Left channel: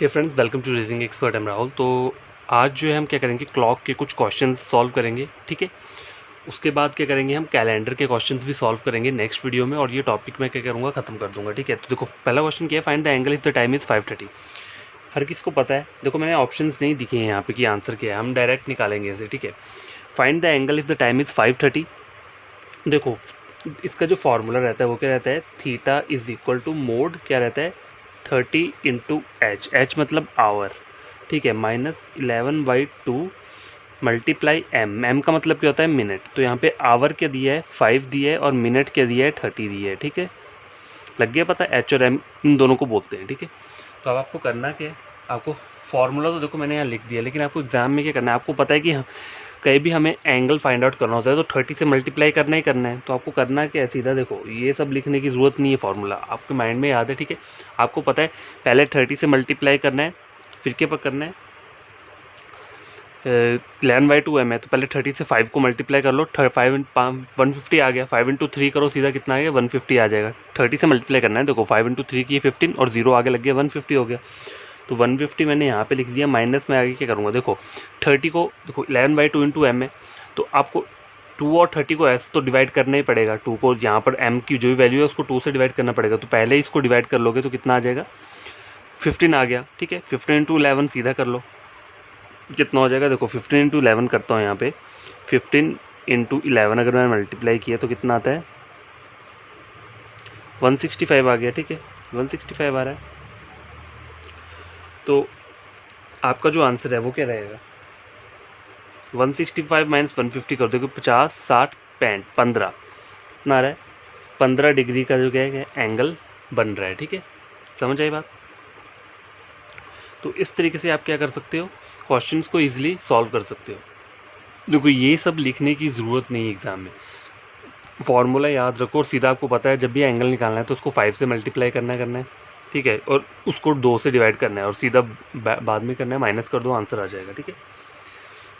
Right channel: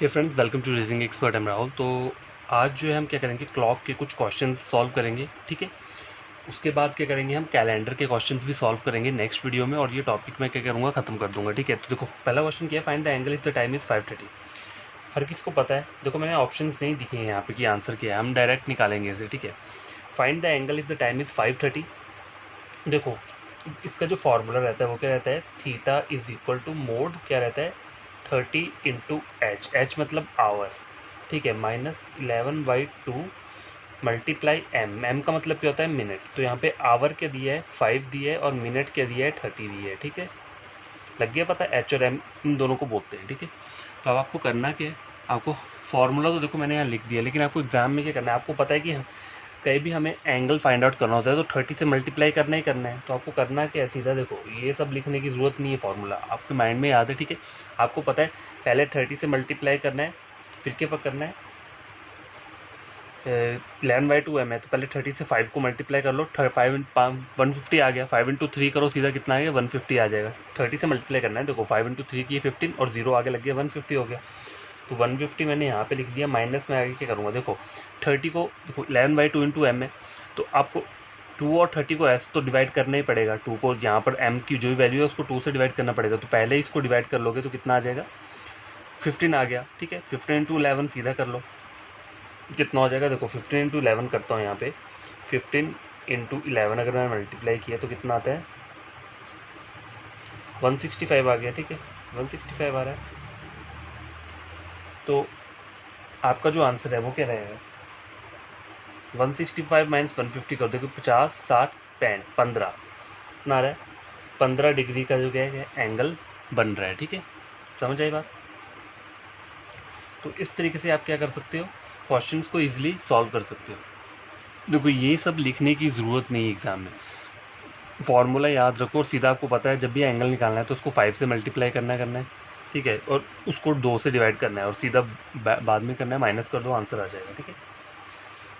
Hey friends, welcome to reasoning expert. Am Rahul. तो आज जो है हम क्या करेंगे, क्लॉक के कुछ क्वेश्चंस सॉल्व करेंगे। ठीक है, उसके बाद क्या करेंगे, हम कैलेंडर के क्वेश्चंस भी सॉल्व करेंगे नेक्स्ट वीडियो में, और ये टॉपिक मैं क्या करूँगा, खत्म कर दूंगा। ठीक है, तो देखो पहला क्वेश्चन क्या है, find the angle if the time is 5:30। हर किसी को पता है। देखो मैंने ऑप्शंस नहीं दिखे हैं यहाँ पे कि आंसर क्या है, हम डायरेक्ट निकालेंगे इसे। ठीक है, find the angle if the time is 5:30। देखो इसका जो फॉर्मूला रहता है वो क्या रहता है, theta is equal to mod क्या रहता है, 30 × एच मतलब आवर। ठीक है, -11/2 मल्टीप्लाई एम का मतलब क्या होता है, मिनट। तो यहाँ पे आवर क्या दिया है, 5 दिया है, और मिनट क्या दिया है, 30 दिया है। ठीक है, लग गया पता, एच और एम इन दोनों को बोलते हैं। ठीक है, तो अब आपको करना क्या है, आपको फॉर्मूला तो देखो मैंने यहाँ लिख दिया, लेकिन आपको एग्जाम में क्या करना है, आपको पता है कि कहीं भी हमें एंगल फाइंड आउट करना होता है तो 30 से मल्टीप्लाई करना ही करना है। तो आपको करना क्या है, सीधा देखो, ये सब लिखने की ज़रूरत नहीं है, फॉर्मूला आपके माइंड में याद है। ठीक है, आपको पता है पहले 30 से मल्टीप्लाई करना है, फिर क्या पर करना है, 11/2 एम है, तो पहले 30 से 5 को मल्टीप्लाई कर लो, 150 आ गया, 5 × 3 करो सीधा, कितना आ गया, 150 आ जाएगा। 30 से मल्टीप्लाई करना है, देखो 5 × 3 की 15 और 0 आगे लग गया, 150 हो गया। तो 150 मैंने यहाँ पे लिख दिया, माइनस में आगे क्या करूँगा, देखो 30 को, देखो 11/2 × एम है, तो आपको 2 और 30 को ऐसे तो डिवाइड करना ही पड़ेगा। 2 को यहाँ पर एम की जो वैल्यू है उसको 2 से डिवाइड करना पड़ेगा, तो पहले इसको डिवाइड कर लोगे तो कितना आ जाएगा, 15 आ गया। ठीक है, 15 × 11 सीधा कर लो, कितना हो जाएगा, देखो 15 × 11 करता हूँ यहाँ पे, 15 × 11 अगर मैंने मल्टीप्लाई किया तो कितना आता है, 165 आ गया। ठीक है, 165 आ रहा है। तो आपका जो आंसर है वो क्या रहेगा, 165 - 150 कर दो, 50 60 65 15 कितना आ रहा है, 15 डिग्री का जो क्या है एंगल बन रहा है। ठीक है, समझ आई बात। तो इस तरीके से आप क्या कर सकते हो, क्वेश्चंस को इजीली सॉल्व कर सकते हो। देखो ये सब लिखने की ज़रूरत नहीं है एग्ज़ाम में, फॉर्मूला याद रखो, और सीधा आपको पता है जब भी एंगल निकालना है तो उसको 5 से मल्टीप्लाई करना है। ठीक है, और उसको 2 से डिवाइड करना है, और सीधा बाद में करना है, माइनस कर दो, आंसर आ जाएगा। ठीक है,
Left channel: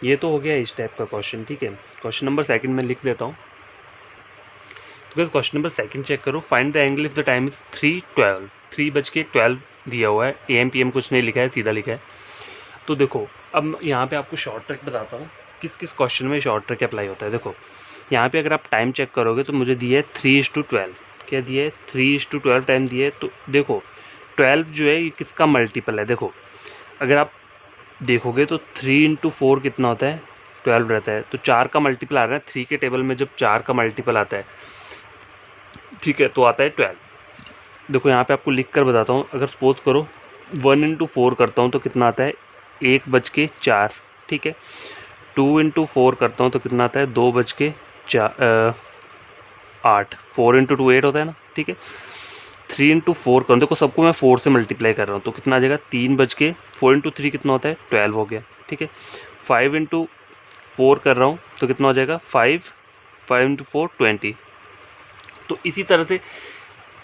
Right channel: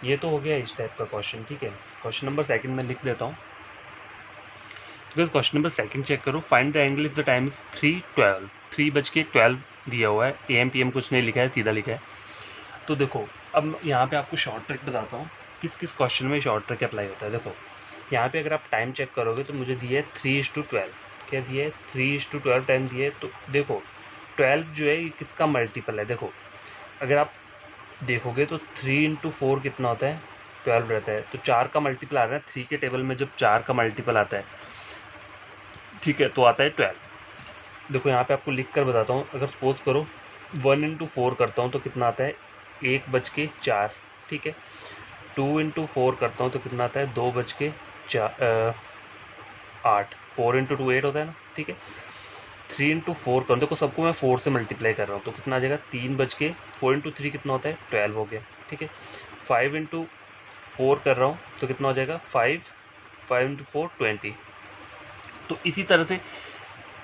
ये तो हो गया इस टाइप का क्वेश्चन। ठीक है, क्वेश्चन नंबर सेकंड में लिख देता हूँ, because question number second check करो, find the angle if the time is 3:12। 3:12 दिया हुआ है, AM PM कुछ नहीं लिखा है, सीधा लिखा है। तो देखो अब यहाँ पे आपको शॉर्ट ट्रिक बताता हूँ, किस किस क्वेश्चन में शॉर्ट ट्रिक अप्लाई होता है। देखो यहाँ पे अगर आप टाइम चेक करोगे तो मुझे दिया है 3:12, क्या दिया है, 3:12 टाइम दिया है। तो देखो 12 जो है ये किसका मल्टीपल है, देखो अगर आप देखोगे तो 3 × 4 कितना होता है, 12 रहता है। तो 4 का मल्टीपल आ रहा है, 3 के टेबल में जब 4 का मल्टीपल आता है, ठीक है, तो आता है 12। देखो यहाँ पे आपको लिख कर बताता हूँ, अगर सपोज करो 1 × 4 करता हूँ तो कितना आता है, 1:04। ठीक है, 2 × 4 करता हूँ तो कितना आता है, 2:08। 4 × 2 8 होता है ना। ठीक है, 3 × 4 करूँ, देखो सबको मैं 4 से मल्टीप्लाई कर रहा हूँ, तो कितना आ जाएगा, 4 × 3 कितना होता है, 12 हो गया। ठीक है, 5 × 4 कर रहा हूँ तो कितना हो जाएगा, 5 × 4 20। तो इसी तरह से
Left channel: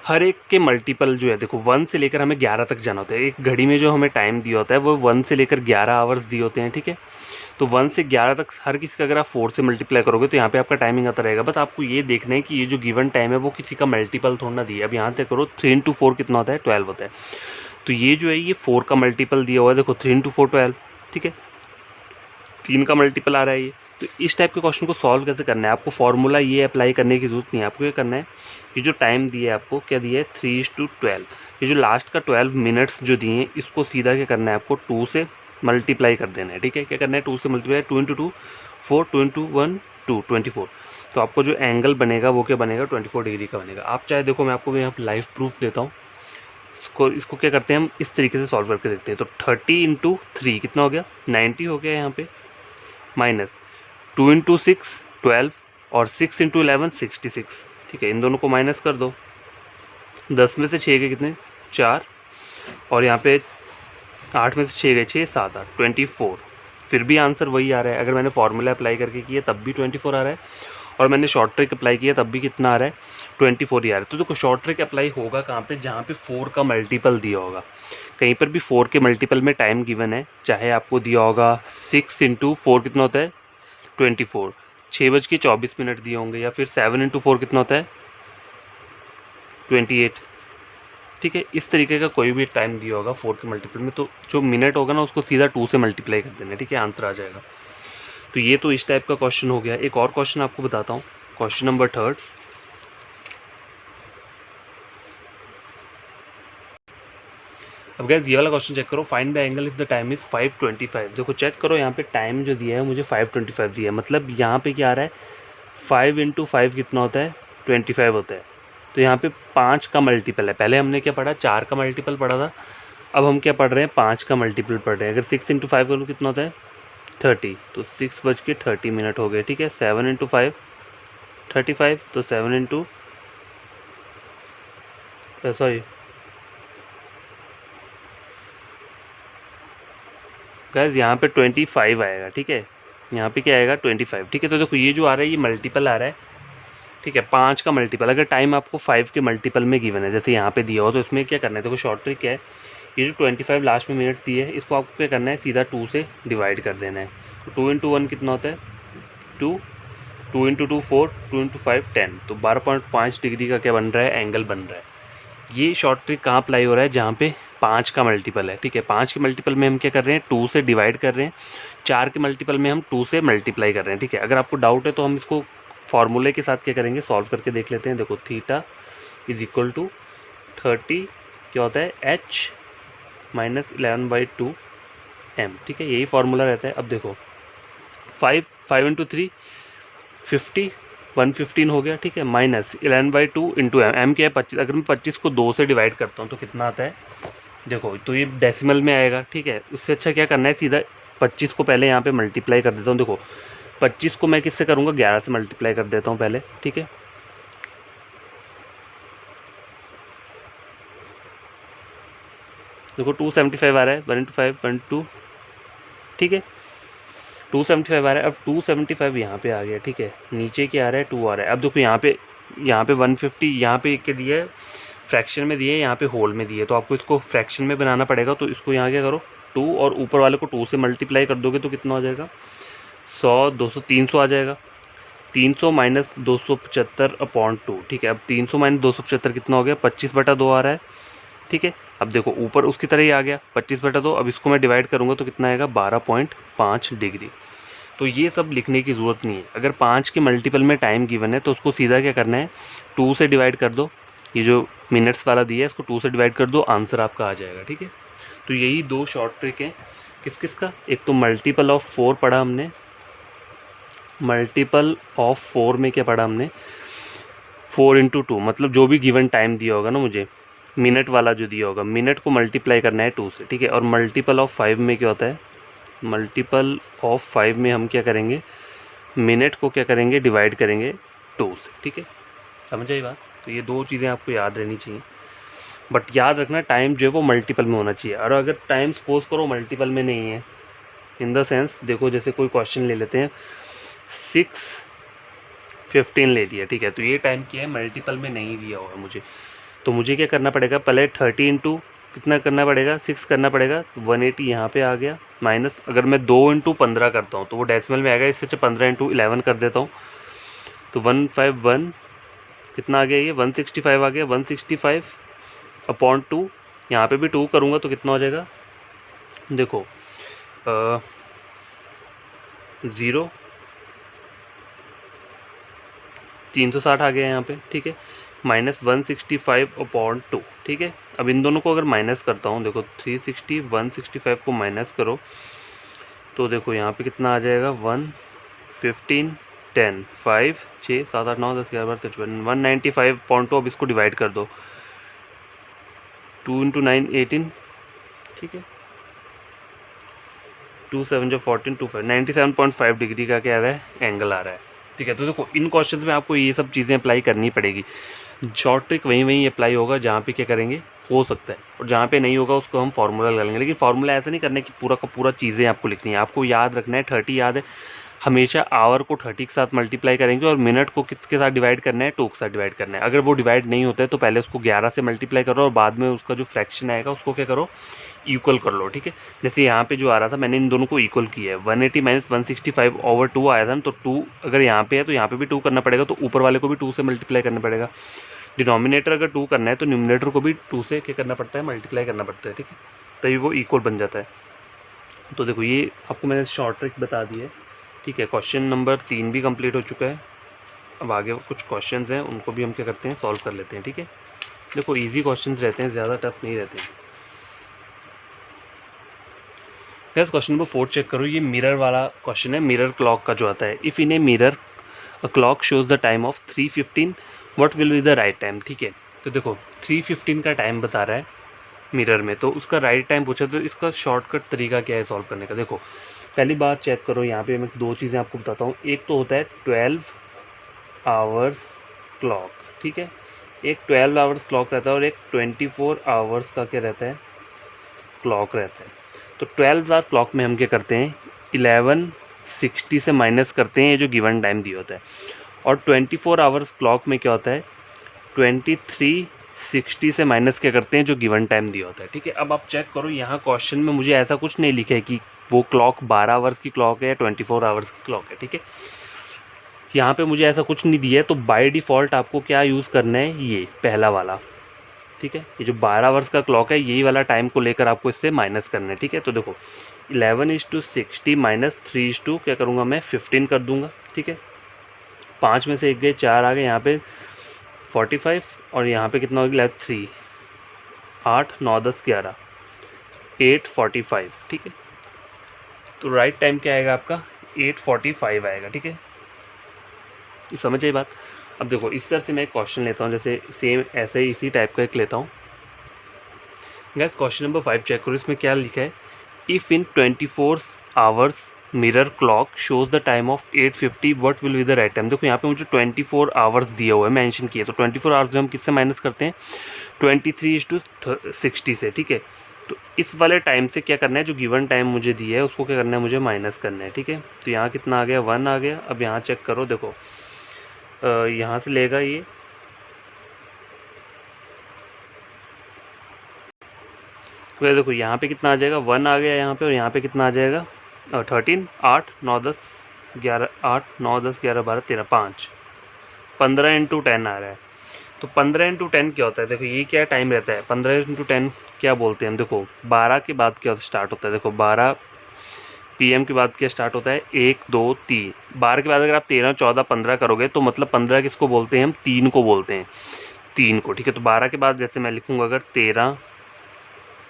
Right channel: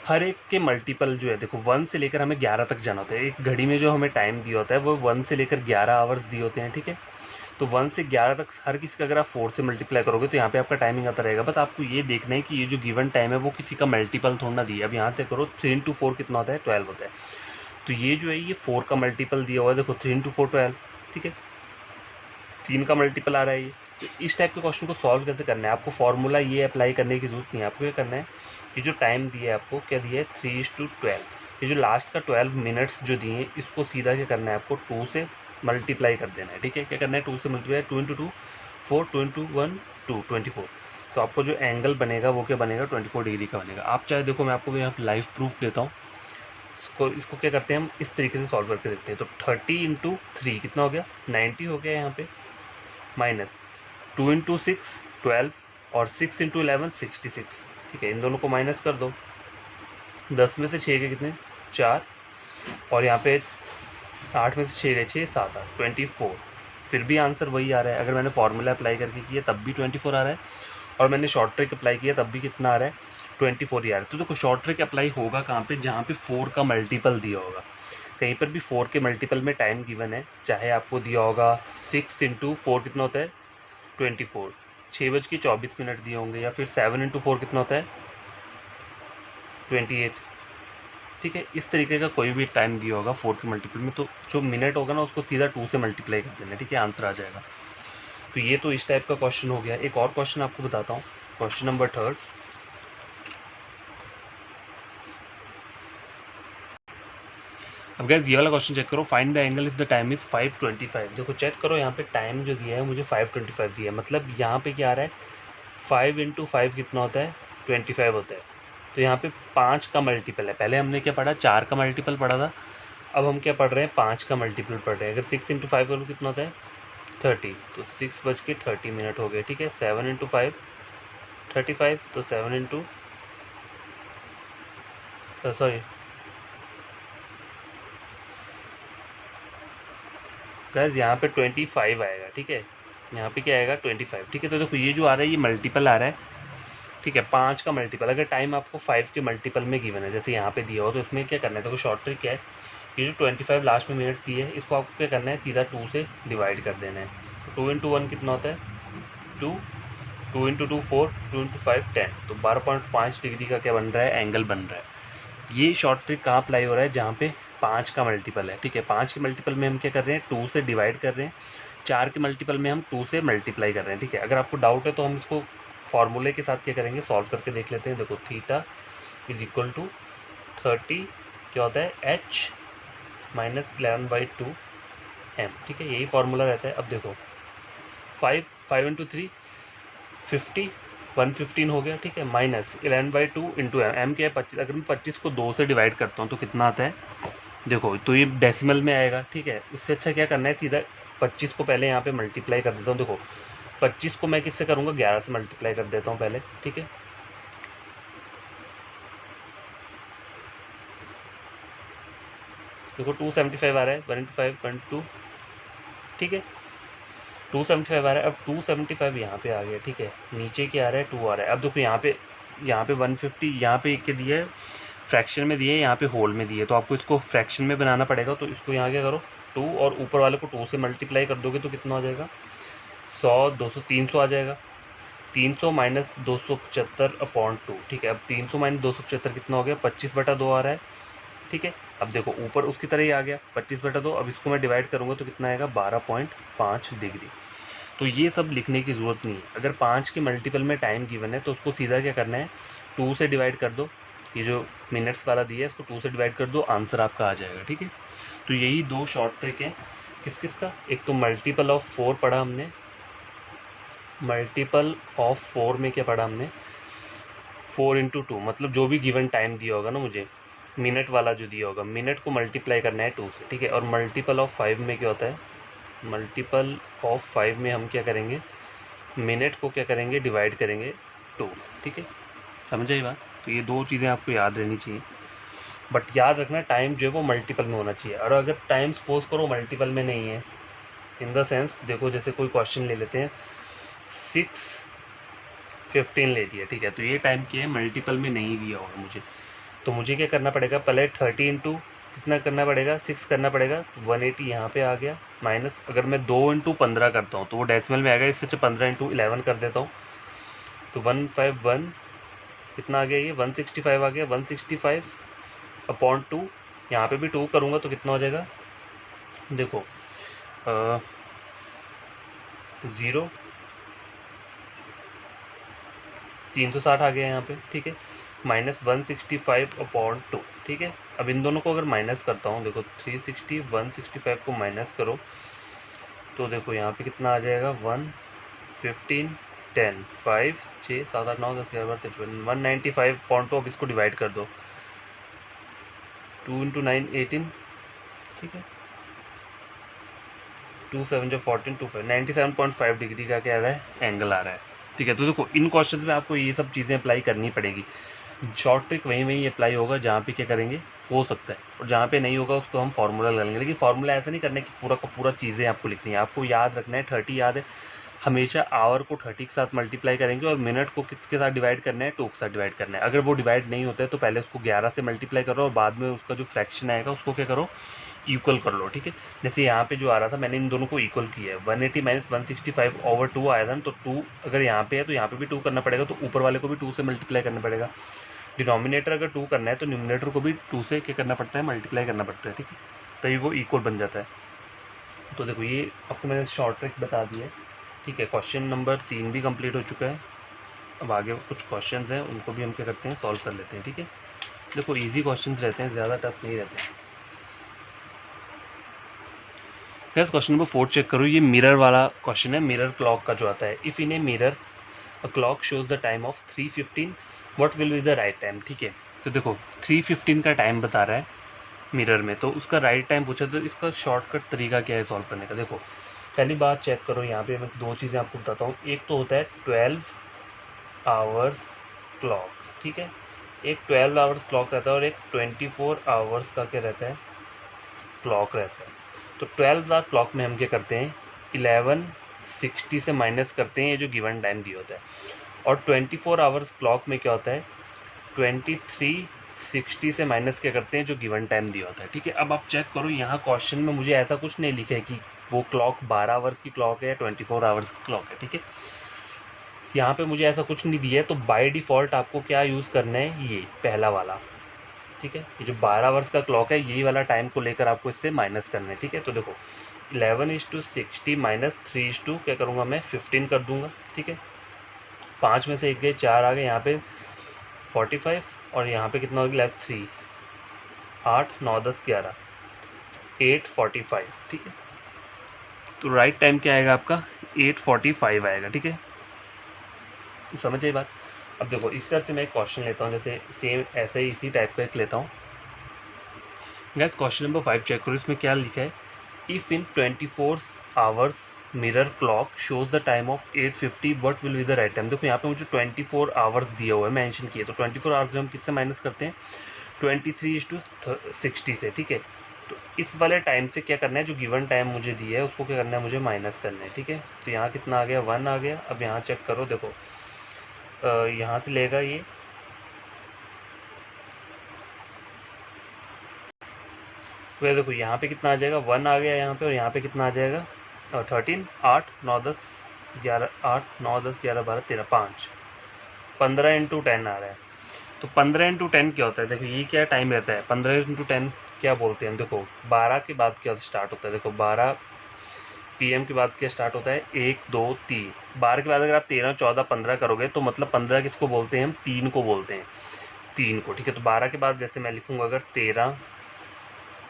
हर एक के मल्टीपल जो है, देखो 1 से लेकर हमें 11 तक जाना होता है। एक घड़ी में जो हमें टाइम दिया होता है वो 1 से लेकर 11 आवर्स दिए होते हैं। ठीक है, तो 1 से 11 तक हर किसी का अगर आप 4 से मल्टीप्लाई करोगे तो यहाँ पे आपका टाइमिंग आता रहेगा। बस आपको ये देखना है कि ये जो गिवन टाइम है वो किसी का मल्टीपल थोड़ा ना दिया। अब यहाँ से करो, 3 × 4 कितना होता है, 12 होता है। तो ये जो है ये 4 का मल्टीपल दिया हुआ है, देखो 3 × 4 12। ठीक है, 3 का मल्टीपल आ रहा है ये। तो इस टाइप के क्वेश्चन को सॉल्व कैसे करना है, आपको फॉर्मूला ये अप्लाई करने की जरूरत नहीं है। आपको ये करना है, ये जो टाइम दिया है आपको, क्या दिया है, 3:12। ये जो लास्ट का 12 मिनट्स जो दिए हैं, इसको सीधा क्या करना है, आपको 2 से मल्टीप्लाई कर देना है। ठीक है, क्या करना है, 2 से मल्टीप्लाई, 2 × 2 4, 2 × 1 2 24। तो आपको जो एंगल बनेगा वो क्या बनेगा, 24 डिग्री का बनेगा। आप चाहे देखो, मैं आपको यहाँ लाइव प्रूफ देता हूँ। इसको क्या करते हैं हम, इस तरीके से सॉल्व करके देखते हैं। तो 30 × 3 कितना हो गया, 90 हो गया यहाँ पे, माइनस 2 × 6 12, और 6 × 11 66। ठीक है, इन दोनों को माइनस कर दो, 10 में से 6 के कितने, 4, और यहाँ पे 8 में से 6 गए, 6 7 8 24। फिर भी आंसर वही आ रहा है। अगर मैंने फॉर्मूला अप्लाई करके किया तब भी 24 आ रहा है, और मैंने शॉर्ट ट्रिक अप्लाई किया तब भी कितना आ रहा है, 24 ही आ रहा है। तो देखो शॉर्ट ट्रिक अप्लाई होगा कहाँ पे, जहाँ पे 4 का मल्टीपल दिया होगा। कहीं पर भी 4 के मल्टीपल में टाइम गिवन है, चाहे आपको दिया होगा 6 × 4 कितना होता है, 24, 6:24 दिए होंगे, या फिर 7 × 4 कितना होता है, 28। ठीक है। इस तरीके का कोई भी टाइम दिया होगा 4 के मल्टीपल में, तो जो मिनट होगा ना उसको सीधा 2 से मल्टीप्लाई कर देना, ठीक है, आंसर आ जाएगा। तो ये तो इस टाइप का क्वेश्चन हो गया। एक और क्वेश्चन आपको बताता हूँ, क्वेश्चन नंबर 3। अब गाइस ये वाला क्वेश्चन चेक करो, find the angle if the time is 5:25। देखो चेक करो यहाँ पे टाइम जो दिया है मुझे 5:25 दिया है, मतलब यहाँ पे क्या आ रहा है 5 × 5 कितना होता है 25 होता है। तो यहाँ पे 5 का मल्टीपल है, पहले हमने क्या पढ़ा 4 का मल्टीपल पढ़ा था, अब हम क्या पढ़ रहे हैं 5 का मल्टीपल पढ़ रहे हैं। अगर 6 × 5 करूँ कितना होता है 30, तो 6:30 हो गए, ठीक है। 7 × 5 35, तो 7 × सॉरी गैस यहाँ पे 25 आएगा, ठीक है, यहाँ पे क्या आएगा 25, ठीक है। तो देखो ये जो आ रहा है ये मल्टीपल आ रहा है, ठीक है, 5 का मल्टीपल। अगर टाइम आपको 5 के मल्टीपल में गिवन है जैसे यहाँ पे दिया हो, तो इसमें क्या करना है, देखो शॉर्ट ट्रिक क्या है, ये जो 25 लास्ट में मिनट दिए है इसको आपको क्या करना है सीधा 2 से डिवाइड कर देना है। तो 2 × 1 कितना होता है 2, 2 × 2 4, 2 × 5 10, तो 12.5 डिग्री का क्या बन रहा है एंगल बन रहा है। ये शॉर्ट ट्रिक कहाँ अप्लाई हो रहा है, जहाँ पे 5 का मल्टीपल है, ठीक है। 5 के मल्टीपल में हम क्या कर रहे हैं 2 से डिवाइड कर रहे हैं, 4 के मल्टीपल में हम 2 से मल्टीप्लाई कर रहे हैं, ठीक है। अगर आपको डाउट है तो हम इसको फॉर्मूले के साथ क्या करेंगे सॉल्व करके देख लेते हैं। देखो थीटा इज इक्वल टू 30 क्या होता है h - 11/2 m, ठीक है, यही फार्मूला रहता है। अब देखो 5 × 3 50, 115 हो गया, ठीक है, माइनस 11/2 इंटू एम क्या है 25। अगर मैं 25 को 2 से डिवाइड करता हूँ तो कितना आता है, देखो तो ये डेसिमल में आएगा, ठीक है। इससे अच्छा क्या करना है सीधा 25 को पहले यहाँ पे मल्टीप्लाई कर देता हूँ। देखो 25 को मैं किससे करूँगा 11 से मल्टीप्लाई कर देता हूँ पहले, ठीक है। देखो 275 आ रहा है, 1 × 5 1 2, ठीक है, 275 आ रहा है। अब 275 यहाँ पे आ गया, ठीक है, नीचे क्या आ रहा है 2 आ रहा है। अब देखो यहाँ पे 150 यहाँ पे क्या दिया है फ्रैक्शन में दिए, यहाँ पे होल में दिए, तो आपको इसको फ्रैक्शन में बनाना पड़ेगा। तो इसको यहाँ क्या करो 2 और ऊपर वाले को 2 से मल्टीप्लाई कर दोगे तो कितना हो जाएगा 100, 200, 300 आ जाएगा। 300 - 275/2, ठीक है। अब 300 - 275 कितना हो गया 25/2 आ रहा है, ठीक है। अब देखो ऊपर उसकी तरह ही आ गया 25/2। अब इसको मैं डिवाइड करूँगा तो कितना आएगा 12.5 डिग्री। तो ये सब लिखने की ज़रूरत नहीं है। अगर 5 के मल्टीपल में टाइम गिवन है तो उसको सीधा क्या करना है 2 से डिवाइड कर दो, ये जो मिनट्स वाला दिया है इसको 2 से डिवाइड कर दो, आंसर आपका आ जाएगा, ठीक है। तो यही 2 शॉर्ट ट्रिक है किस किस का, एक तो मल्टीपल ऑफ 4 पढ़ा हमने, मल्टीपल ऑफ 4 में क्या पढ़ा हमने 4 × 2, मतलब जो भी गिवन टाइम दिया होगा ना मुझे मिनट वाला जो दिया होगा मिनट को मल्टीप्लाई करना है 2 से, ठीक है। और मल्टीपल ऑफ 5 में क्या होता है मल्टीपल ऑफ 5 में हम क्या करेंगे मिनट को क्या करेंगे डिवाइड करेंगे 2 से, ठीक है, समझ आई बात। तो ये 2 चीज़ें आपको याद रहनी चाहिए, बट याद रखना टाइम जो है वो मल्टीपल में होना चाहिए। और अगर टाइम सपोज करो मल्टीपल में नहीं है, इन द सेंस देखो जैसे कोई क्वेश्चन ले लेते हैं 6:15 ले लिया, ठीक है, तो ये टाइम क्या है मल्टीपल में नहीं दिया होगा मुझे, तो मुझे क्या करना पड़ेगा पहले 30 इंटू कितना करना पड़ेगा 6 करना पड़ेगा, तो 180 यहाँ पे आ गया, माइनस अगर मैं 2 × 15 करता हूँ तो वो डेसिमल में आएगा, इससे 15 × 11 कर देता हूँ तो 151 कितना आ गया ये 165 आ गया, 165/2, यहाँ पे भी 2 करूँगा तो कितना हो जाएगा देखो 0 360 आ गया यहाँ पे, ठीक है, -165/2, ठीक है। अब इन दोनों को अगर माइनस करता हूँ देखो 360 165 को माइनस करो तो देखो यहाँ पे कितना आ जाएगा 1 15 10 5 6 7 8 9 10 11 12 13 195/2। अब इसको डिवाइड कर दो 2 × 9 18, ठीक है, 2 7 14 2 5 97.5 डिग्री का क्या आ रहा है एंगल आ रहा है, ठीक है। तो देखो इन क्वेश्चंस में आपको ये सब चीज़ें अप्लाई करनी पड़ेगी। शॉर्ट ट्रिक वहीं अप्लाई होगा जहाँ पे क्या करेंगे हो सकता है, और जहाँ पे नहीं होगा उसको हम फार्मूला लगा लेंगे। लेकिन फार्मूला ऐसा नहीं करना है कि पूरा का पूरा चीज़ें आपको लिखनी है, आपको याद रखना है 30 याद है, हमेशा आवर को 30 के साथ मल्टीप्लाई करेंगे और मिनट को किसके साथ डिवाइड करना है 2 के साथ डिवाइड करना है। अगर वो डिवाइड नहीं होता है तो पहले उसको 11 से मल्टीप्लाई करो और बाद में उसका जो फ्रैक्शन आएगा उसको क्या करो इक्वल कर लो, ठीक है। जैसे यहाँ पे जो आ रहा था मैंने इन दोनों को इक्वल किया है 180 - 165/2 आया था ना, तो 2 अगर यहाँ पे है तो यहाँ पे भी 2 करना पड़ेगा, तो ऊपर वाले को भी 2 से मल्टीप्लाई करना पड़ेगा। डिनोमिनेटर अगर 2 करना है तो न्यूमिनेटर को भी 2 से क्या करना पड़ता है, मल्टीप्लाई करना पड़ता है, ठीक है, तभी वो इक्वल बन जाता है। तो देखो ये आपको मैंने शॉर्ट ट्रिक बता दी है, ठीक है। क्वेश्चन नंबर 3 भी कंप्लीट हो चुका है। अब आगे कुछ क्वेश्चंस हैं, उनको भी हम क्या करते हैं, सॉल्व कर लेते हैं, ठीक है। देखो इजी क्वेश्चंस रहते हैं, ज़्यादा टफ नहीं रहते हैं। यस, क्वेश्चन नंबर 4 चेक करो, ये मिरर वाला क्वेश्चन है, मिरर क्लॉक का जो आता है। If in a mirror a clock shows the time of 3:15 what will be the right time, ठीक है। तो देखो 3:15 का टाइम बता रहा है मिरर में, तो उसका राइट टाइम पूछा, तो इसका शॉर्टकट तरीका क्या है सॉल्व करने का। देखो पहली बात चेक करो, यहाँ पे मैं 2 चीज़ें आपको बताता हूँ। एक तो होता है 12 आवर्स क्लॉक, ठीक है, एक 12 आवर्स क्लॉक रहता है और एक 24 आवर्स का क्या रहता है, क्लॉक रहता है। तो 12 आवर क्लॉक में हम क्या करते हैं, 1160 से माइनस करते हैं ये जो गिवन टाइम दिया होता है, और 24 आवर्स क्लॉक में क्या होता है, 2360 से माइनस क्या करते हैं जो गिवन टाइम दिया होता है, ठीक है। अब आप चेक करो, यहाँ क्वेश्चन में मुझे ऐसा कुछ नहीं लिखा है कि वो क्लॉक 12 आवर्स की क्लॉक है या 24 आवर्स की क्लॉक है, ठीक है। यहाँ पे मुझे ऐसा कुछ नहीं दिया है, तो बाय डिफ़ॉल्ट आपको क्या यूज़ करना है, ये पहला वाला, ठीक है। ये जो 12 आवर्स का क्लॉक है, यही वाला टाइम को लेकर आपको इससे माइनस करना है, ठीक है। तो देखो 11:60 माइनस 3 क्या करूँगा मैं, 15 कर दूंगा, ठीक है। 5 में से 1 गए, 4 आ गए, यहाँ पे 45 और यहाँ पे कितना हो गया, 3, 8, 9, 10, 11, 8:45, ठीक है। तो राइट टाइम क्या आएगा आपका, 8:45 आएगा, ठीक है। समझ आई बात। अब देखो इस तरह से मैं एक क्वेश्चन लेता हूँ, जैसे सेम ऐसे ही इसी टाइप का एक लेता हूँ। गाइस क्वेश्चन नंबर 5 चेक करो, इसमें क्या लिखा है, if in 24 hours mirror clock shows the time of 8:50 what will be the right time. देखो यहाँ पे मुझे 24 आवर्स दिया हुआ है, मेंशन किया, तो 24 आवर्स हम किससे माइनस करते हैं, 23:60 से, ठीक है। तो इस वाले टाइम से क्या करना है, जो गिवन टाइम मुझे दिया है उसको क्या करना है, मुझे माइनस करना है, ठीक है। तो यहाँ कितना आ गया, 1 आ गया। अब यहाँ चेक करो, देखो यहाँ से लेगा ये, तो देखो यहाँ पे कितना आ जाएगा, 1 आ गया यहाँ पे, और यहाँ पे कितना आ जाएगा, 13, 8, 9, 10, 11, 8, 9, 10, 11, 12, 13, 5, 15 × 10 आ रहा है। तो 15 × 10 क्या होता है, देखो ये क्या टाइम रहता है, 15 × 10 क्या बोलते हैं हम, देखो 12 के बाद क्या स्टार्ट होता है, देखो 12 PM के बाद क्या स्टार्ट होता है, 1, 2, 3, 12 के बाद अगर आप 13, 14, 15 करोगे तो मतलब 15 किसको बोलते हैं हम, 3 को बोलते हैं, 3 को, ठीक है। तो 12 के बाद जैसे मैं लिखूँगा अगर 13,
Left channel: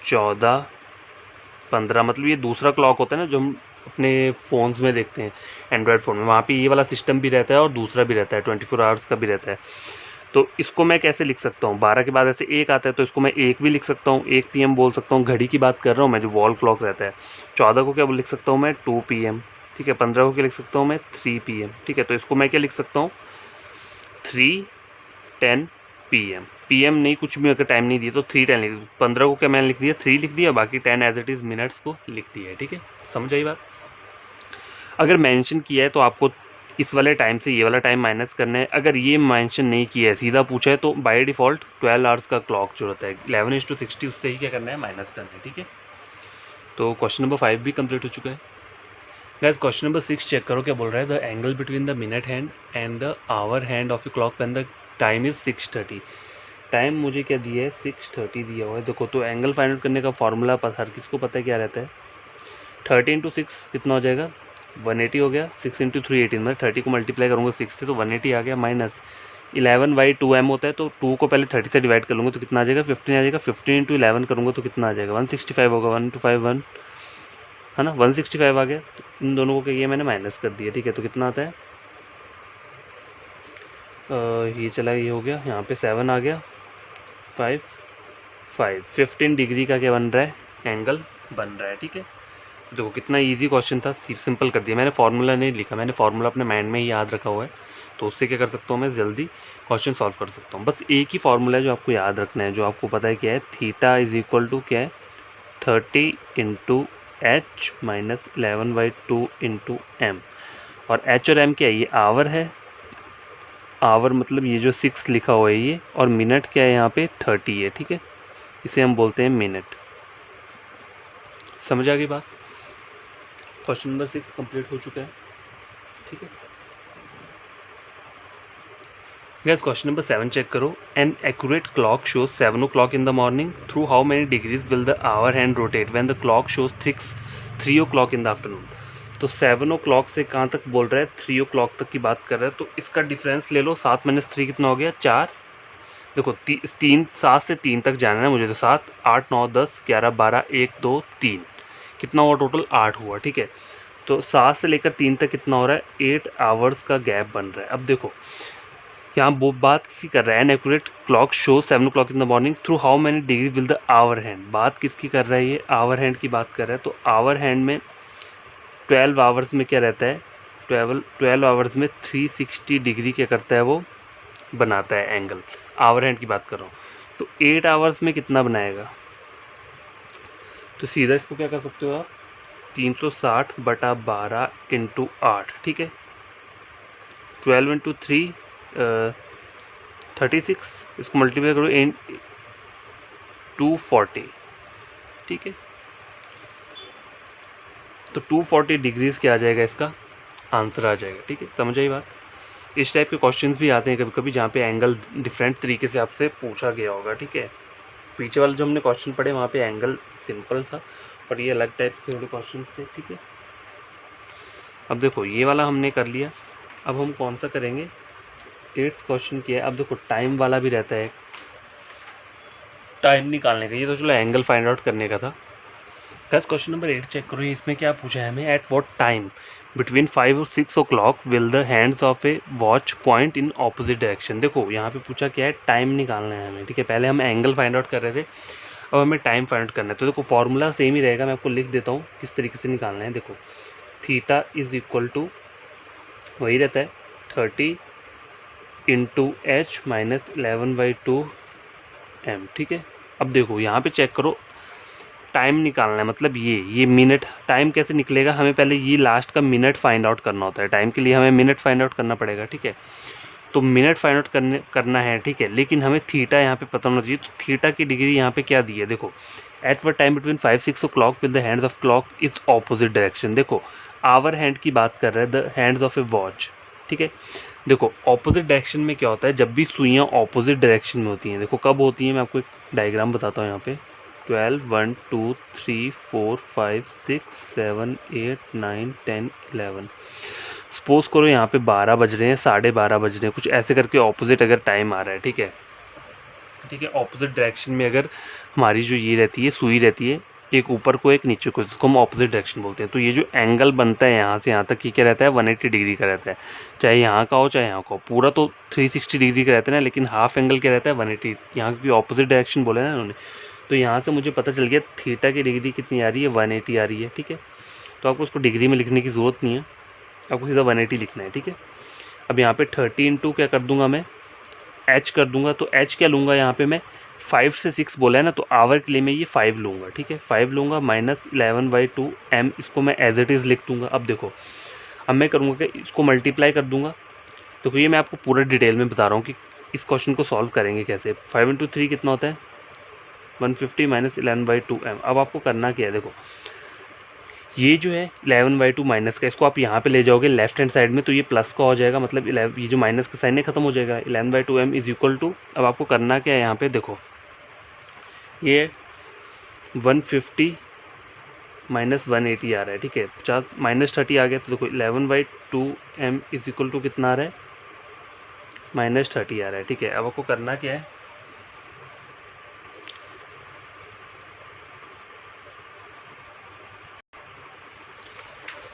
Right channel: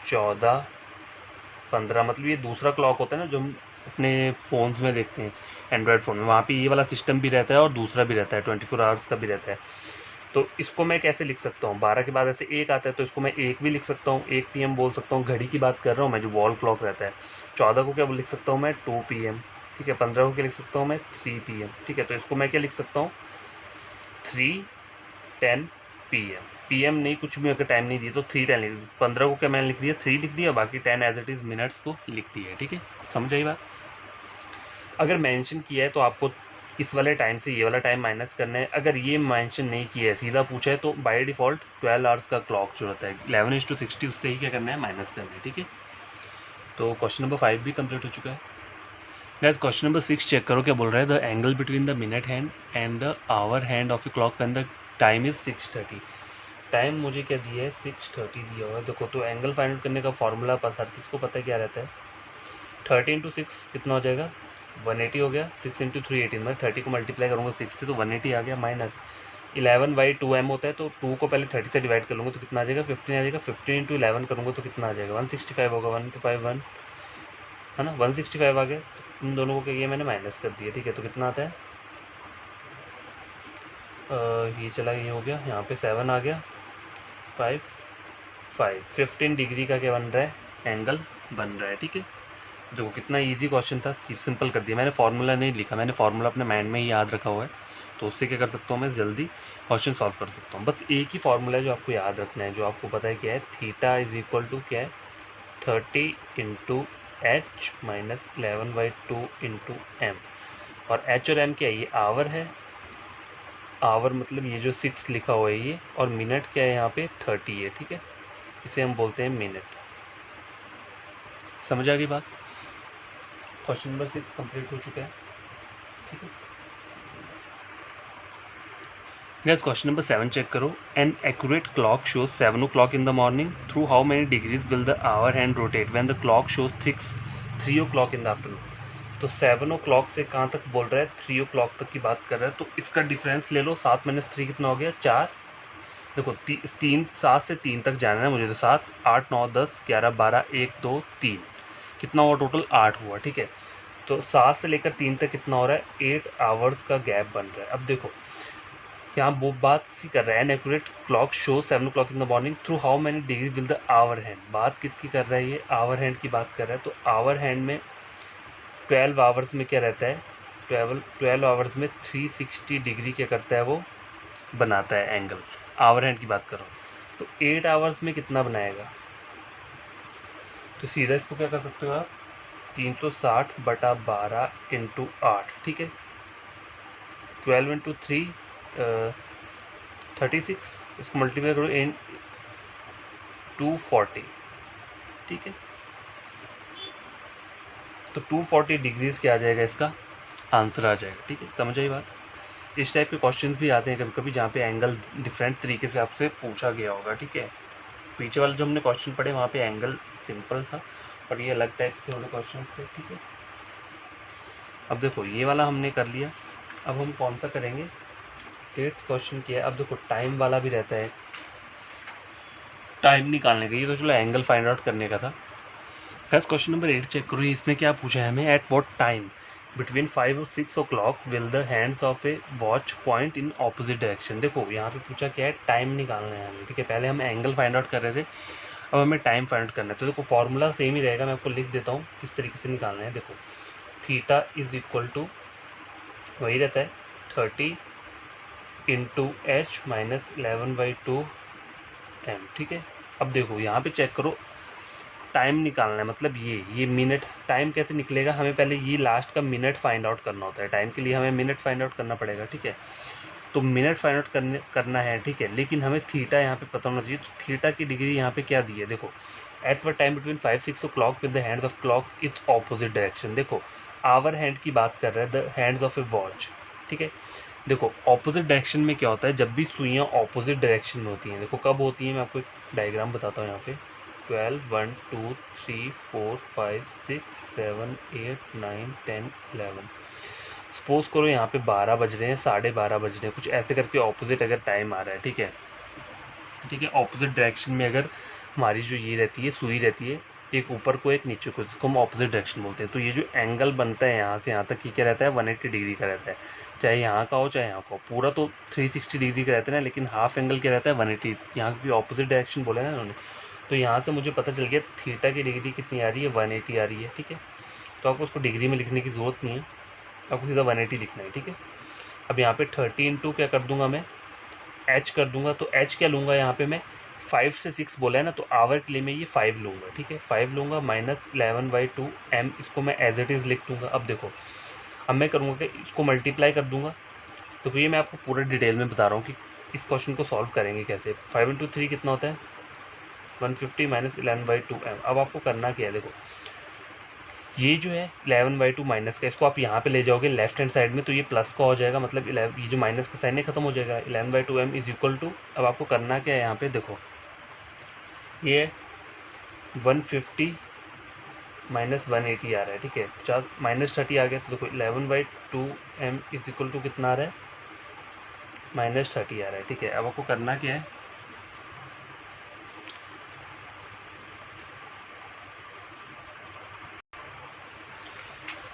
14, 15, मतलब ये दूसरा क्लॉक होता है ना जो हम अपने फ़ोन्स में देखते हैं, एंड्रॉयड फ़ोन में, वहाँ पे ये वाला सिस्टम भी रहता है और दूसरा भी रहता है, 24 आवर्स का भी रहता है। तो इसको मैं कैसे लिख सकता हूँ, 12 के बाद ऐसे 1 आता है तो इसको मैं 1 भी लिख सकता हूँ, 1 PM बोल सकता हूँ, घड़ी की बात कर रहा हूँ मैं, जो वॉल क्लॉक रहता है। 14 को क्या लिख सकता हूँ मैं, 2 PM, ठीक है। 15 को क्या लिख सकता हूँ मैं, 3 PM, ठीक है। तो इसको मैं क्या लिख सकता हूँ, 3:10 PM, PM नहीं, कुछ भी अगर टाइम नहीं दिया तो 3:10 लिख, 15 को क्या मैंने लिख दिया, 3 लिख दिया, बाकी 10 एज इट इज़ मिनट्स को लिख दिया, ठीक है। समझ आई बात। अगर मेंशन किया है तो आपको इस वाले टाइम से ये वाला टाइम माइनस करना है। अगर ये मेंशन नहीं किया है, सीधा पूछा है, तो बाय डिफ़ॉल्ट 12 आवर्स का क्लॉक जो होता है 11:60 उससे ही क्या करना है, माइनस करना है, ठीक है। तो क्वेश्चन नंबर 5 भी कंप्लीट हो चुका है। गाइस क्वेश्चन नंबर 6 चेक करो, क्या बोल रहा है, the angle between the minute hand and the hour hand of a clock when the time is 6:30। Time मुझे क्या दिया है, 6:30 दिया हुआ है। देखो तो एंगल फाइंड आउट करने का फॉर्मूला हर किसको पता है क्या रहता है, 30 × 6 कितना हो जाएगा, 180 हो गया। 6 × 3 18, मैं 30 को मल्टीप्लाई करूँगा 6 से तो 180 आ गया, माइनस 11/2m होता है, तो 2 को पहले 30 से डिवाइड कर लूँगा तो कितना आ जाएगा, 15 आ जाएगा। 15 × 11 करूँगा तो कितना आ जाएगा, 165 होगा, 1 2 5 1, है ना, 165 आ गया। तो इन दोनों को क्या किया मैंने, माइनस कर दिया, ठीक है। तो कितना आता है, ये चला, ये हो गया, यहाँ पे 7 आ गया, 5 5 15 डिग्री का क्या बन रहा है, एंगल बन रहा है, ठीक है। देखो कितना इजी क्वेश्चन था, सिंपल कर दिया मैंने, फार्मूला नहीं लिखा, मैंने फार्मूला अपने माइंड में ही याद रखा हुआ है, तो उससे क्या कर सकता हूँ मैं, जल्दी क्वेश्चन सॉल्व कर सकता हूँ। बस एक ही फार्मूला है जो आपको याद रखना है, जो आपको पता है क्या है, थीटा इज इक्वल टू क्या है, 30 × H - 11/2 × M, और H और M क्या है, ये आवर है, आवर मतलब ये जो 6 लिखा हुआ है ये, और मिनट क्या है यहाँ पे, 30 है, ठीक है। इसे हम बोलते हैं मिनट। समझ आ गई बात। क्वेश्चन नंबर 6 कंप्लीट हो चुका है, ठीक है। गैस क्वेश्चन नंबर 7 चेक करो। An accurate clock shows 7 o'clock in the morning, through how many degrees will the hour hand rotate when the clock shows 3 o'clock in the afternoon. तो 7 o'clock से कहाँ तक बोल रहा है, 3 o'clock तक की बात कर रहा है। तो इसका डिफरेंस ले लो, 7 - 3 कितना हो गया, 4। देखो 7 से 3 तक जाना है मुझे, तो 7, 8, 9, 10, 11, 12, 1, 2, 3 कितना हुआ टोटल, 8 हुआ। ठीक है, तो 7 से लेकर 3 तक कितना हो रहा है, 8 आवर्स का गैप बन रहा है। अब देखो यहाँ वो बात किसी कर रहा है, an accurate clock show 7 o'clock in the morning, through how many degree will the hour hand. बात किसकी कर रहा है, ये आवर हैंड की बात कर रहा है। तो आवर हैंड में 12 आवर्स में क्या रहता है, 12 आवर्स में 360 डिग्री क्या करता है, वो बनाता है एंगल। आवर हैंड की बात कर रहा हूँ। तो 8 आवर्स में कितना बनाएगा, तो सीधा इसको क्या कर सकते हो आप, 360/12 × 8। ठीक है, 12 × 3 36, इसको मल्टीप्लाई करो इन 240। ठीक है, तो 240 डिग्रीज क्या आ जाएगा, इसका आंसर आ जाएगा। ठीक है, समझ आई बात। इस टाइप के क्वेश्चंस भी आते हैं कभी कभी जहाँ पे एंगल डिफरेंट तरीके से आपसे पूछा गया होगा। ठीक है, पीछे वाले जो हमने क्वेश्चन पढ़े वहाँ पे एंगल सिंपल था, पर ये अलग टाइप के थोड़े क्वेश्चन थे। ठीक है, अब देखो ये वाला हमने कर लिया, अब हम कौन सा करेंगे, 8th क्वेश्चन किया। अब देखो टाइम वाला भी रहता है, टाइम निकालने का, ये तो चलो एंगल फाइंड आउट करने का था। बस क्वेश्चन नंबर 8 चेक करो, इसमें क्या पूछा है हमें, एट व्हाट टाइम बिटवीन 5 और 6 o'clock will the hands of A watch point in opposite direction. देखो यहाँ पे पूछा क्या है, टाइम निकालना है हमें। ठीक है, पहले हम एंगल फाइंड आउट कर रहे थे, अब हमें टाइम फाइंड आउट करना है। तो देखो फॉर्मूला सेम ही रहेगा, मैं आपको लिख देता हूँ किस तरीके से निकालना है। देखो थीटा इज इक्वल टू वही रहता है 30 × h - 11/2 m। ठीक है, अब देखो यहाँ पे चेक करो, टाइम निकालना है, मतलब ये मिनट। टाइम कैसे निकलेगा, हमें पहले ये लास्ट का मिनट फाइंड आउट करना होता है। टाइम के लिए हमें मिनट फाइंड आउट करना पड़ेगा। ठीक है, तो मिनट फाइंड आउट करना है। ठीक है, लेकिन हमें थीटा यहाँ पे पता होना चाहिए। तो थीटा की डिग्री यहाँ पे क्या दी है, देखो एट व time between 5-6 o'clock with the hands of clock is opposite direction. देखो आवर हैंड की बात कर रहे हैं, the hands of A watch. ठीक है, देखो ऑपोजिट डायरेक्शन में क्या होता है, जब भी सुइयाँ ऑपोजिट डायरेक्शन में होती हैं, देखो कब होती हैं, मैं आपको एक डायग्राम बताता हूँ यहाँ पे। 12, 1, 2, 3, 4, 5, 6, 7, 8, 9, 10, 11। सपोज करो यहाँ पे 12 बज रहे हैं, 12:30 बज रहे हैं, कुछ ऐसे करके ऑपोजिट अगर टाइम आ रहा है। ठीक है, ठीक है, ऑपोजिट डायरेक्शन में अगर हमारी जो ये रहती है, सुई रहती है, एक ऊपर को एक नीचे को, जिसको हम ऑपोजिट डायरेक्शन बोलते हैं। तो ये जो एंगल बनता है यहाँ से यहाँ तक, ये क्या रहता है, 180 डिग्री का रहता है। चाहे यहाँ का हो चाहे यहाँ का हो, पूरा तो 360 डिग्री का रहता है ना, लेकिन हाफ एंगल क्या रहता है, 180। यहाँ की ऑपोजिट डायरेक्शन बोले ना उन्होंने, तो यहाँ से मुझे पता चल गया थीटा की डिग्री कितनी आ रही है, 180 आ रही है। ठीक है, तो आपको उसको डिग्री में लिखने की ज़रूरत नहीं है, आपको सीधा 180 लिखना है। ठीक है, अब यहाँ पे 30 × क्या कर दूंगा मैं, एच कर दूंगा। तो एच क्या लूँगा यहाँ पे मैं, 5 से 6 बोला है ना, तो आवर के लिए मैं ये 5 लूँगा। ठीक है, 5 लूँगा, -11/2 m, इसको मैं एज इट इज़ लिख दूँगा। अब देखो अब मैं करूँगा कि इसको मल्टीप्लाई कर दूँगा। तो ये मैं आपको पूरा डिटेल में बता रहा हूँ कि इस क्वेश्चन को सॉल्व करेंगे कैसे। 5 × 3 कितना होता है, 150 - 11/2 m। अब आपको करना क्या है, देखो ये जो है 11/2 माइनस का, इसको आप यहाँ पे ले जाओगे लेफ्ट हैंड साइड में, तो ये प्लस का हो जाएगा, मतलब ये जो माइनस का साइन है खत्म हो जाएगा। 11/2 m इज इक्वल टू, अब आपको करना क्या है, यहाँ पे देखो ये 150 - 180 आ रहा है। ठीक है, 50 - 30 आ गया, तो देखो 11/2 m इज इक्वल टू कितना आ रहा है, -30 आ रहा है। ठीक है, अब आपको करना क्या है,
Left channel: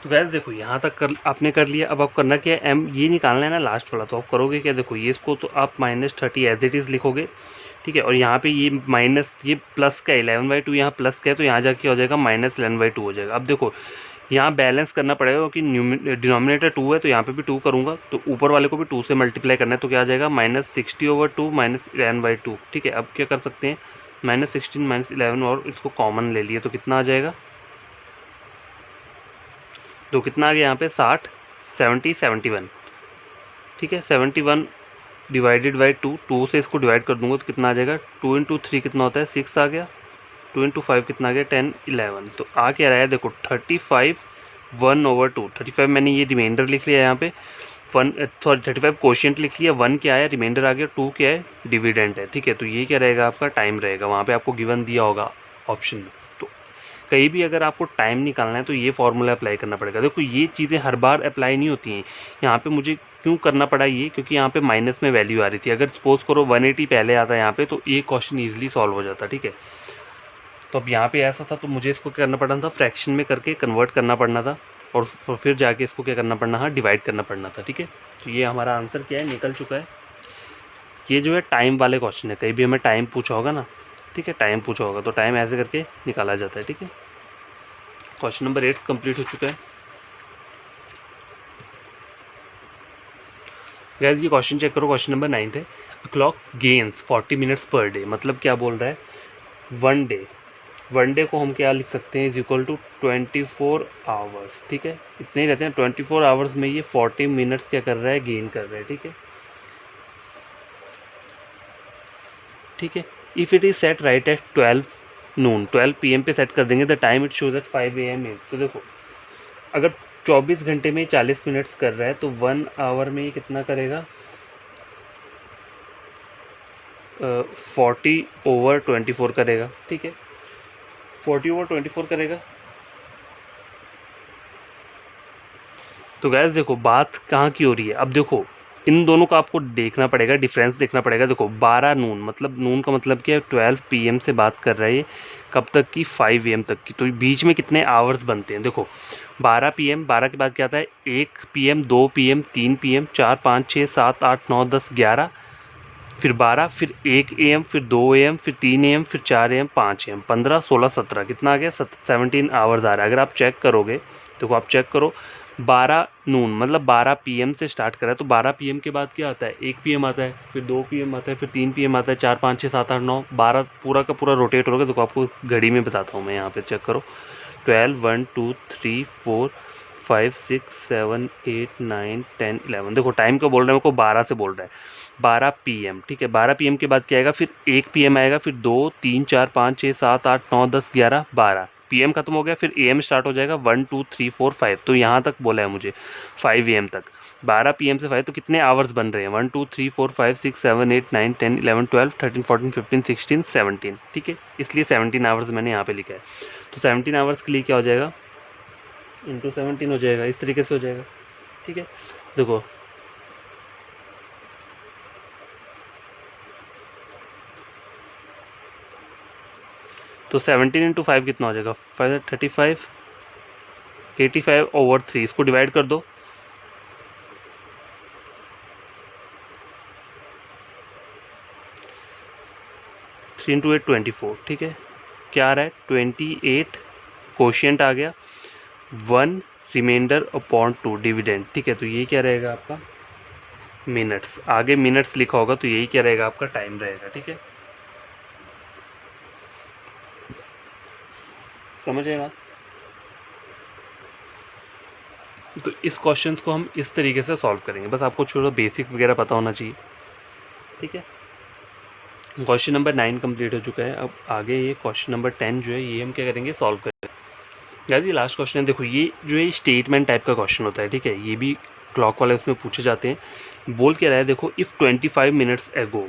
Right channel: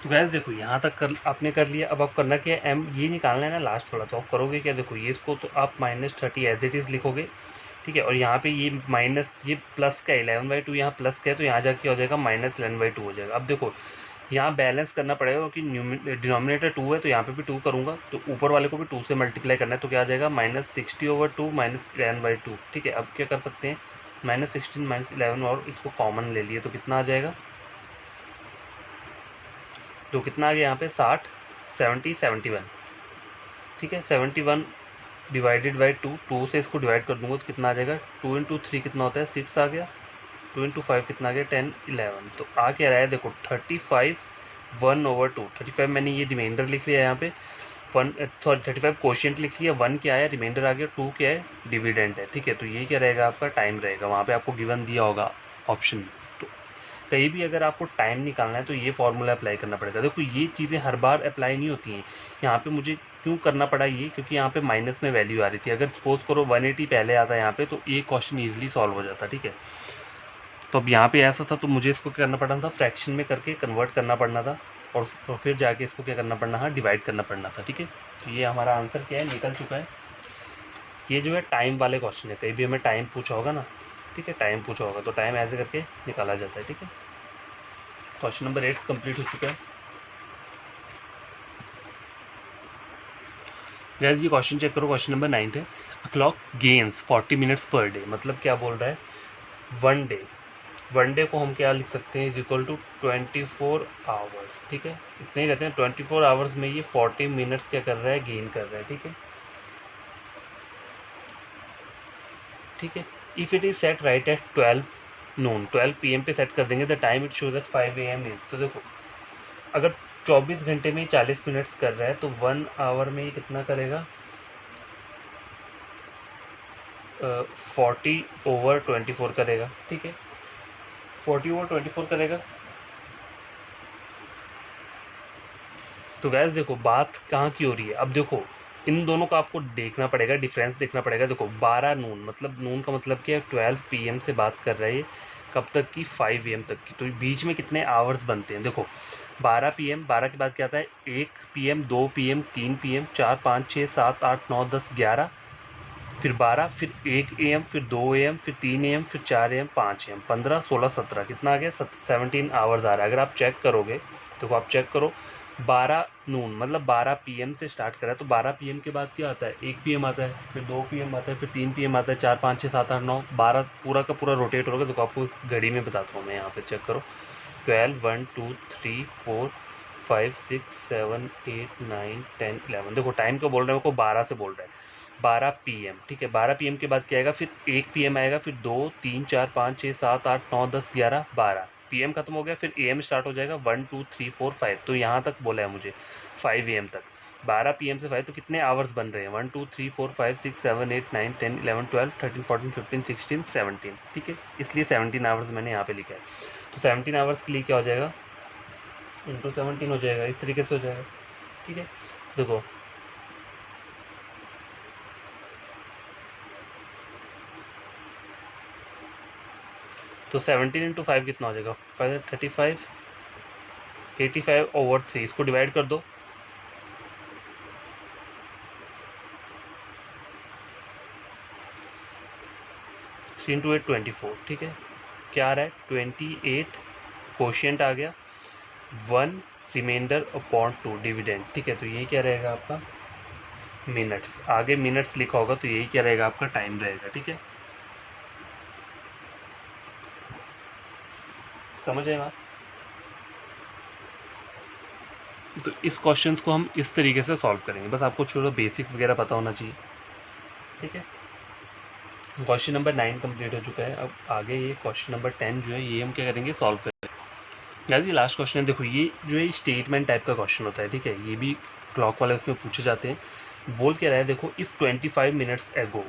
तो गैस देखो यहाँ तक आपने कर लिया। अब आप करना क्या है, एम ये निकालना है ना लास्ट वाला, तो आप करोगे क्या, देखो ये इसको तो आप -30 एज इट इज़ लिखोगे। ठीक है, और यहाँ पे ये माइनस, ये प्लस का 11/2 यहाँ प्लस का है, तो यहाँ जाके हो जाएगा -11/2 हो जाएगा। अब देखो यहाँ बैलेंस करना पड़ेगा, क्योंकि डिनोमिनेटर 2 है, तो यहाँ पे भी 2 करूँगा, तो ऊपर वाले को भी 2 से मल्टीप्लाई करना है, तो क्या आ जाएगा -60/2 -11/2। ठीक है, अब क्या कर सकते हैं, -16 - 11 और इसको कॉमन ले लिए, तो कितना आ जाएगा, तो कितना आ गया यहाँ पे 60, 70, 71। ठीक है, 71 डिवाइडेड बाई 2 से इसको डिवाइड कर दूंगा, तो कितना आ जाएगा, 2 × 3 कितना होता है, 6 आ गया, 2 × 5 कितना आ गया, 10, 11। तो आ क्या रहा है, देखो 35 1/2। 35 मैंने ये रिमाइंडर लिख लिया यहाँ पे, 35 कोशिएंट लिख लिया, 1 क्या है रिमाइंडर आ गया, 2 क्या है डिविडेंड है, ठीक है। तो ये क्या रहेगा आपका टाइम रहेगा, वहाँ पे आपको गिवन दिया होगा ऑप्शन में। तो कहीं भी अगर आपको टाइम निकालना है तो ये फॉर्मूला अप्लाई करना पड़ेगा। देखो ये चीज़ें हर बार अप्लाई नहीं होती हैं, यहाँ पे मुझे क्यों करना पड़ा ये, क्योंकि यहाँ पे माइनस में वैल्यू आ रही थी। अगर सपोज करो 180 पहले आता है यहाँ पे, तो ये क्वेश्चन ईजिली सॉल्व हो जाता, ठीक है। तो अब यहाँ पे ऐसा था, तो मुझे इसको क्या करना पड़ना था, फ्रैक्शन में करके कन्वर्ट करना पड़ना था, और फिर जाके इसको क्या करना पड़ना था, डिवाइड करना पड़ना था, ठीक है। तो ये हमारा आंसर क्या है, निकल चुका है। ये जो है टाइम वाले क्वेश्चन है, कहीं भी हमें टाइम पूछा होगा ना, ठीक है, टाइम पूछा होगा तो टाइम ऐसे करके निकाला जाता है, ठीक है। क्वेश्चन नंबर 8 कंप्लीट हो चुका है। गाइस ये क्वेश्चन चेक करो, क्वेश्चन नंबर 9 है। A clock gains 40 minutes per day, मतलब क्या बोल रहा है, वन डे को हम क्या लिख सकते हैं, इज इक्वल टू 24 आवर्स, ठीक है। इतने ही रहते हैं, 24 आवर्स में ये 40 मिनट्स क्या कर रहा है, गेन कर रहा है, ठीक है, ठीक है। If it is set right at 12 noon, 12 PM पे सेट कर देंगे, the time it shows at 5 AM is. तो देखो अगर 24 घंटे में 40 मिनट्स कर रहा है तो 1 आवर में ये कितना करेगा, 40/24 करेगा, ठीक है, 40/24 करेगा। तो गैस देखो बात कहाँ की हो रही है, अब देखो इन दोनों का आपको देखना पड़ेगा, डिफरेंस देखना पड़ेगा। देखो 12 नून, मतलब नून का मतलब क्या है, 12 PM से बात कर रहा है ये, कब तक की, 5 AM तक की। तो बीच में कितने आवर्स बनते हैं, देखो 12 PM, 12 के बाद क्या आता है, 1 PM, 2 PM, 3 PM, 4, 5, 6, 7, 8, 9, 10, 11, फिर 12, फिर 1 AM, फिर 2 AM, फिर 3 AM, फिर 4 AM, 5 AM, 15, 16, 17, कितना आ गया, 17 आवर्स आ रहा है। अगर आप चेक करोगे, देखो आप चेक करो, 12 नून मतलब 12 PM से स्टार्ट करा है, तो 12 PM के बाद क्या आता है, 1 PM आता है, फिर 2 PM आता है, फिर 3 PM आता है, 4, 5, 6, 7, 8, 9, 12 पूरा का पूरा रोटेट होगा। देखो आपको घड़ी में बताता हूँ मैं, यहाँ पे चेक करो, 12, 1, 2, 3, 4, 5, 6, 7, 8, 9, 10, 11। देखो टाइम को बोल रहा है, मेरे को 12 से बोल रहा है, 12 PM, ठीक है। 12 PM के बाद क्या आएगा, फिर 1 PM आएगा, फिर 2, 3, 4, 5, 6, 7, 8, 9, 10, 11, 12 PM खत्म हो गया, फिर AM स्टार्ट हो जाएगा, 1, 2, 3, 4, 5। तो यहाँ तक बोला है मुझे 5 AM तक, 12 PM से 5, तो कितने आवर्स बन रहे हैं, 1, 2, 3, 4, 5, 6, 7, 8, 9, 10, 11, 12, 13, 14, 15, 16, 17, ठीक है। इसलिए 17 आवर्स मैंने यहाँ पे लिखा है। तो 17 आवर्स के लिए क्या हो जाएगा, इंटू 17 हो जाएगा, इस तरीके से हो जाएगा, ठीक है। देखो तो 17 × 5 कितना हो जाएगा, 35, 85/3, इसको डिवाइड कर दो, 3 × 8 24, ठीक है। क्या आ रहा है, 28 कोशिएंट आ गया, 1 रिमाइंडर/2 डिविडेंड, ठीक है। तो ये क्या रहेगा आपका मिनट्स, आगे मिनट्स लिखा होगा, तो यही क्या रहेगा आपका टाइम रहेगा, ठीक है। समझ आएगा। तो इस क्वेश्चन को हम इस तरीके से सॉल्व करेंगे, बस आपको छोड़ो बेसिक वगैरह पता होना चाहिए, ठीक है। क्वेश्चन नंबर 9 कंप्लीट हो चुका है। अब आगे ये क्वेश्चन नंबर 10 जो है ये हम क्या करेंगे, सॉल्व करेंगे। गाइस ये लास्ट क्वेश्चन है। देखो ये जो है स्टेटमेंट टाइप का क्वेश्चन होता है, ठीक है, ये भी क्लॉक वाले उसमें पूछे जाते हैं। बोल क्या रहा है, देखो इफ़ 25 मिनट्स एगो,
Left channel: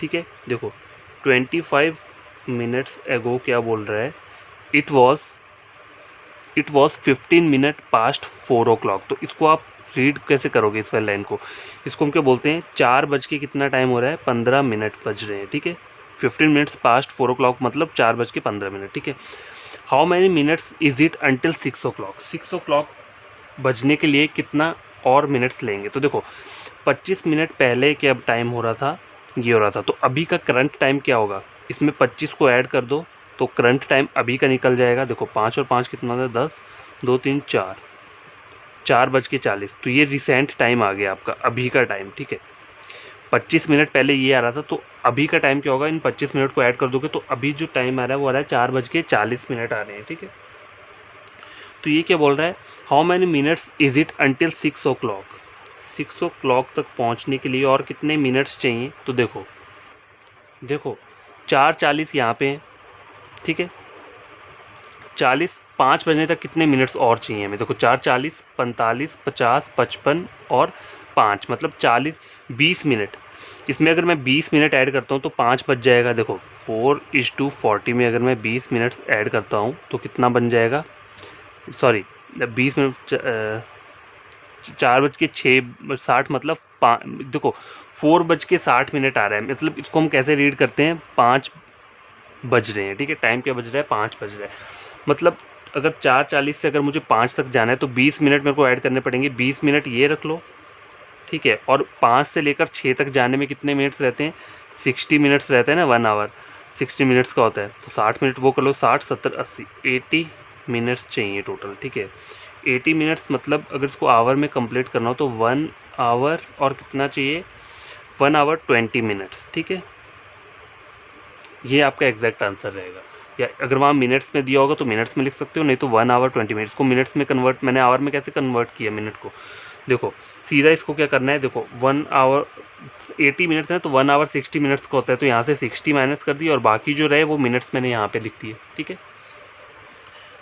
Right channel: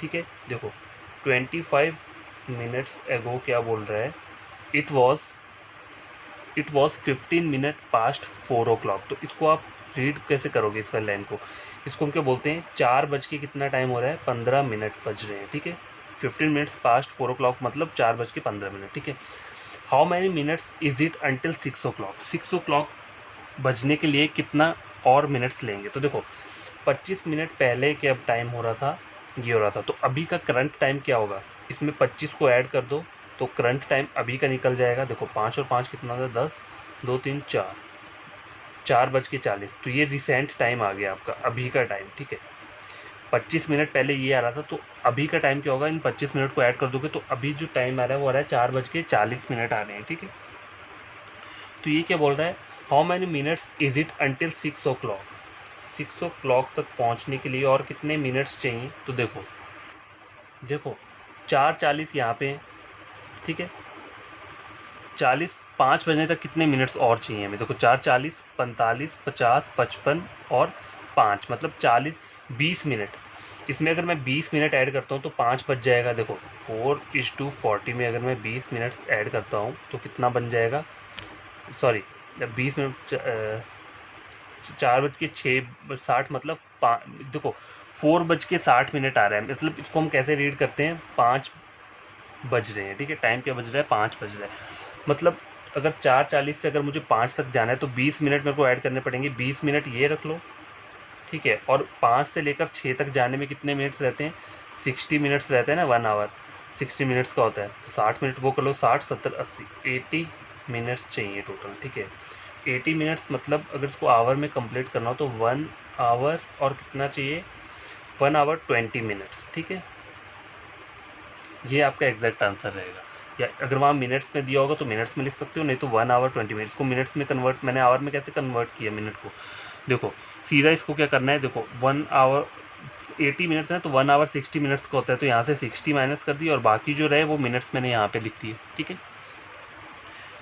ठीक है, देखो 25 मिनट्स एगो क्या बोल रहा है, it was 15 minute past 4 o'clock। तो इसको आप रीड कैसे करोगे इस वाली लाइन को, इसको हम क्या बोलते हैं, 4 बज के कितना टाइम हो रहा है, 15 मिनट बज रहे हैं, ठीक है। 15 मिनट्स पास्ट 4 o'clock मतलब 4 बज के 15 मिनट, ठीक है। How many minutes is it until 6 o'clock, 6 o'clock बजने के लिए कितना और मिनट्स लेंगे। तो देखो 25 मिनट पहले क्या टाइम हो रहा था, ये हो रहा था, तो अभी का करंट टाइम क्या होगा, इसमें 25 को ऐड कर दो तो करंट टाइम अभी का निकल जाएगा। देखो 5 और 5 कितना होता है, 10, 2, 3, 4, 4:40। तो ये रिसेंट टाइम आ गया आपका, अभी का टाइम, ठीक है। 25 मिनट पहले ये आ रहा था, तो अभी का टाइम क्या होगा, इन 25 मिनट को ऐड कर दोगे तो अभी जो टाइम आ रहा है वो आ रहा है 4:40 आ रहे हैं, ठीक है। तो ये क्या बोल रहा है, how many minutes is it until 6 o'clock, 6 o'clock तक पहुंचने के लिए और कितने मिनट्स चाहिए। तो देखो 4:40 यहाँ पे है, ठीक है, 5 बजने तक कितने मिनट्स और चाहिए हमें। देखो 4:40, 45, 50, 55 और 5 मतलब 20 मिनट। इसमें अगर मैं 20 मिनट ऐड करता हूँ तो 5 बच जाएगा। देखो 4:40 में अगर मैं 20 मिनट्स ऐड करता हूँ तो कितना बन जाएगा, सॉरी 20 मिनट 4:06 मतलब देखो 4:60 आ रहा है, मतलब इसको हम कैसे रीड करते हैं, 5 बज रहे हैं, ठीक है। टाइम क्या बज रहा है, 5 बज रहा है। मतलब अगर 4:40 से अगर मुझे 5 तक जाना है तो 20 मिनट मेरे को ऐड करने पड़ेंगे। 20 मिनट ये रख लो, ठीक है। और 5 से लेकर 6 तक जाने में कितने मिनट्स रहते हैं, 60 मिनट्स रहते हैं ना, 1 आवर 60 मिनट्स का होता है। तो 60 मिनट वो कर लो, 60 70 80 80 मिनट्स चाहिए टोटल, ठीक है। 80 मिनट्स मतलब अगर इसको आवर में कंप्लीट करना हो तो 1 आवर और कितना चाहिए, 1 आवर 20 मिनट्स, ठीक है। ये आपका एग्जैक्ट आंसर रहेगा। या अगर वहाँ मिनट्स में दिया होगा तो मिनट्स में लिख सकते हो, नहीं तो 1 आवर 20 मिनट्स को मिनट्स में कन्वर्ट, मैंने आवर में कैसे कन्वर्ट किया मिनट को, देखो सीधा इसको क्या करना है, देखो 1 आवर 80 मिनट्स है तो 1 आवर 60 मिनट्स का होता है, तो यहाँ से 60 माइनस कर दिया और बाकी जो रहे वो मिनट्स मैंने यहाँ पे लिख दिए, ठीक है।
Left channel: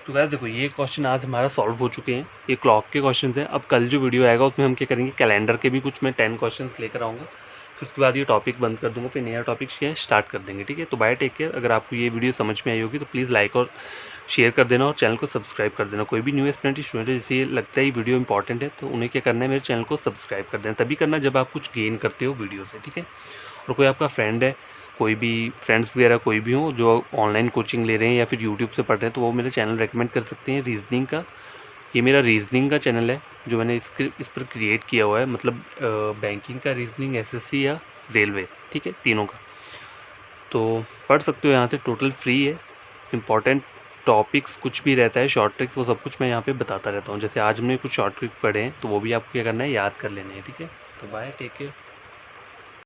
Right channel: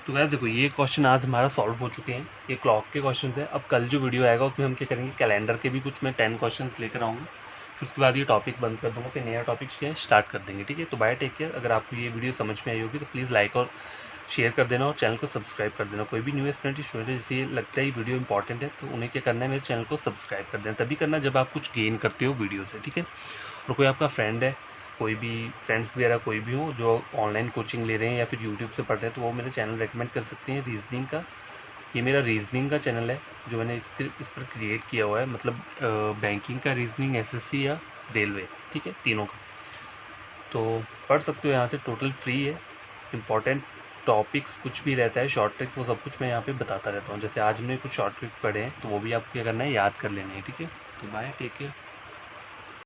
तो गाइस देखो ये क्वेश्चन आज हमारा सॉल्व हो चुके हैं, ये क्लॉक के क्वेश्चन हैं। अब कल जो वीडियो आएगा उसमें हम क्या करेंगे, कैलेंडर के भी कुछ मैं 10 क्वेश्चन लेकर आऊँगा, फिर उसके बाद ये टॉपिक बंद कर दूँगा, फिर नया टॉपिक स्टार्ट कर देंगे, ठीक है। तो बाय, टेक केयर। अगर आपको ये वीडियो समझ में आई होगी तो प्लीज़ लाइक और शेयर कर देना और चैनल को सब्सक्राइब कर देना। कोई भी न्यू स्टूडेंट है जैसे लगता है ये वीडियो इंपॉर्टेंट है तो उन्हें क्या करना है, मेरे चैनल को सब्सक्राइब कर देना। तभी करना जब आप कुछ गेन करते हो वीडियो से, ठीक है। और कोई आपका फ्रेंड है, कोई भी फ्रेंड्स वगैरह कोई भी हो जो ऑनलाइन कोचिंग ले रहे हैं या फिर यूट्यूब से पढ़ रहे हैं तो वो मेरा चैनल रेकमेंड कर सकते हैं, रीजनिंग का। ये मेरा रीजनिंग का चैनल है जो मैंने इस पर क्रिएट किया हुआ है, मतलब बैंकिंग का रीजनिंग, एसएससी या रेलवे, ठीक है, तीनों का। तो पढ़ सकते हो यहाँ से, टोटल फ्री है। इंपॉर्टेंट टॉपिक्स कुछ भी रहता है, शॉर्ट ट्रिक्स, वो सब कुछ मैं यहाँ पे बताता रहता हूँ। जैसे आज हमने कुछ शॉर्ट ट्रिक पढ़े हैं तो वो भी आपको क्या करना है, याद कर लेने हैं, ठीक है। तो बाय, टेक केयर।